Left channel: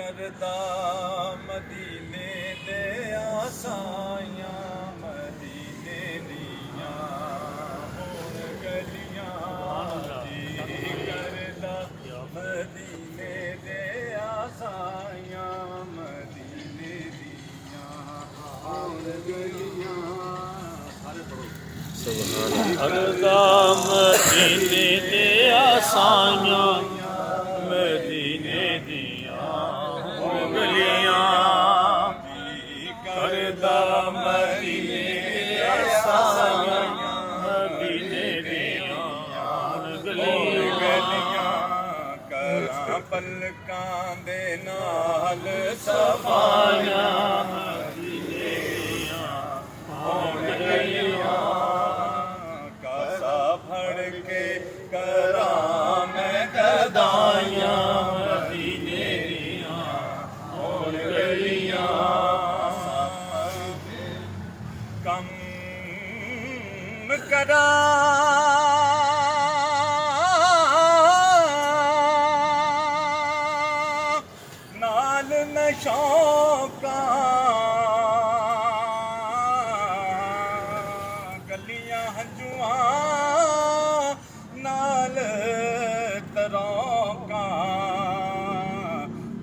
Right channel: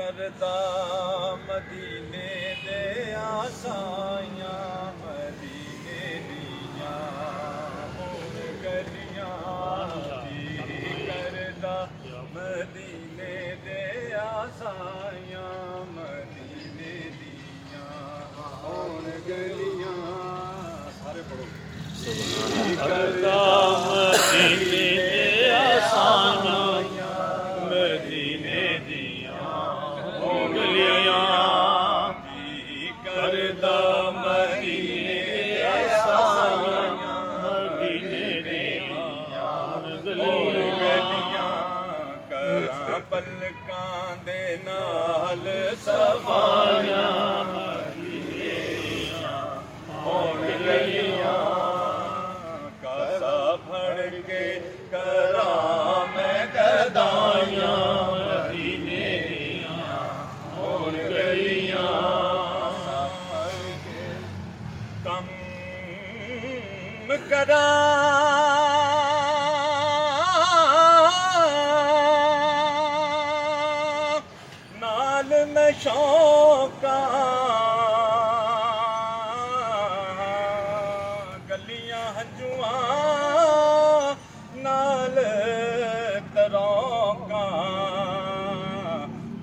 करदा मदीने दे आसाइयां मदीने दियां होण गलियां जी करदा मदीने दे आसाइयां मदीने दियां होण गलियां सारे पढ़ो करदा मदीने दे आसाइयां मदीने दियां होण गलियां जी करदा मदीने दे आसाइयां मदीने दियां होण गलियां करां पलकां दे नाल सफाइयां मदीने दियां होण गलियां कासा फड़ के करां मैं गदाइयां मदीने दियां होण गलियां कम करां नाल मैं शौकां गलियां हंजुआं नाल तरौकां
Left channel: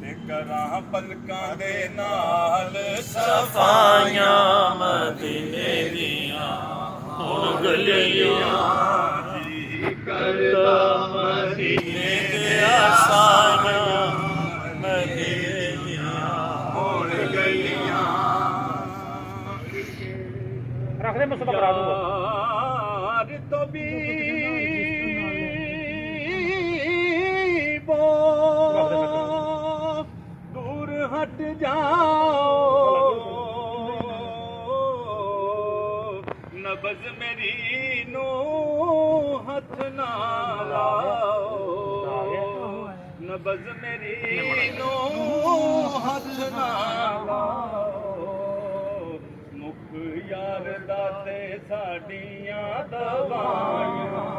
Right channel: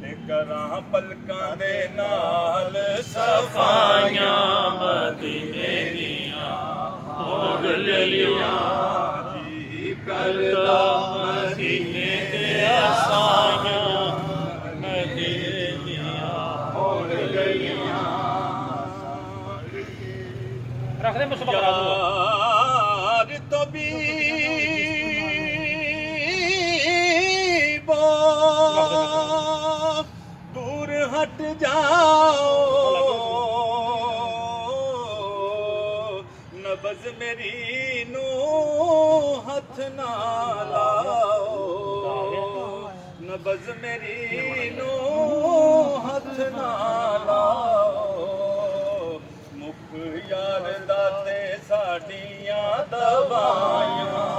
ते करां पलकां दे नाल सफाइयां मदीने दियां होण गलियां जी करदा मदीने दे आसाइयां मदीने दियां होण गलियां रख दे मुझसे करा दूंगा यार तो भी दूर हट जाओ नबज मेरी नू हथ ना लाओ नबज मेरी नू हथ ना लाओ मुख यार दाते साडियां दवाइयां